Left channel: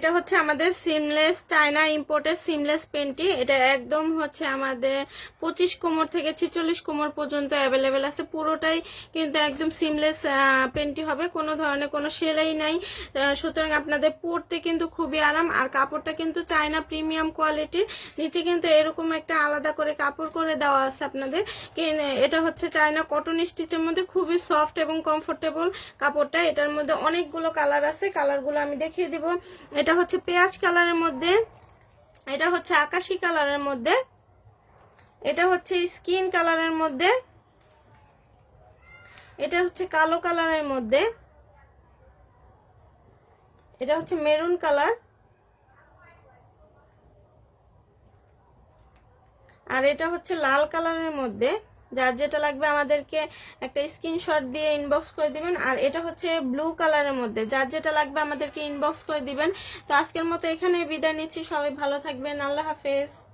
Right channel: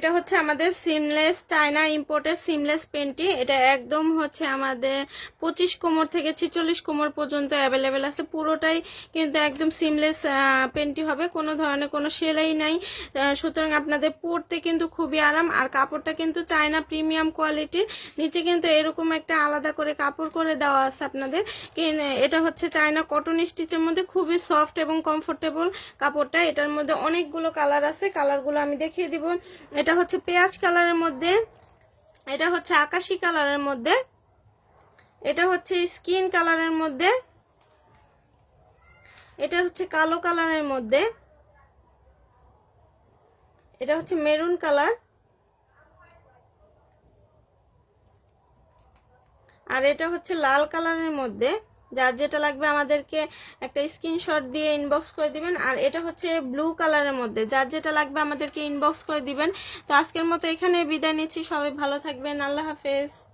এটা হচ্ছে আমাদের সিমলেস চায়না ইম্পোর্টের সিমলেস পেন্টি এটা একদম হচ্ছে আমাদের পঁচিশ কোমর থেকে ছিচল্লিশ কোমর পর্যন্ত অ্যাভেলেবেল আছে। পুরোটাই কিন্তু একদম সিমলেস পেন্টি হবে। কোনো ধরনের কোনো সেলাই নাই। সুতরাং আপনাদের পরতে কিন্তু খুবই আরাম। আর কাপড়টা কিন্তু চায়না প্রিমিয়াম কোয়ালিটি নিচে কিন্তু এরকম একটা আলাদা করে কাপড় করে দেওয়া আছে আপনাদের। এটা হচ্ছে চায়না কটন স্টিচের মধ্যে খুবই সফট এবং কমফোর্টেবল কাপড়টা। এটার মধ্যে অনেকগুলো কালার আছে। কালারগুলো আমি দেখিয়ে দিব। এটা হচ্ছে পেঁয়াজ কালারের মধ্যে, এটা হচ্ছে আকাশি কালারের মধ্যে, এটা হচ্ছে স্কিন কালারের মধ্যে, এটা হচ্ছে কালো কালারের মধ্যে, এটা হচ্ছে মেরুন কালার, আর এটা হচ্ছে লাল কালারের মধ্যে। যার যেটা লাগবে আমাদেরকে একটা স্ক্রিনশট দিয়ে ইনবক্স করে দিবেন। আর এটা হচ্ছে ব্লু কালারের মধ্যে। যার যেটা লাগবে আমাদেরকে ইনবক্স করে দিবেন। তো আজকের মতো এখানে বিদায় নিচ্ছি। সবাই ভালো থাকবেন। আল্লাহ হাফেজ।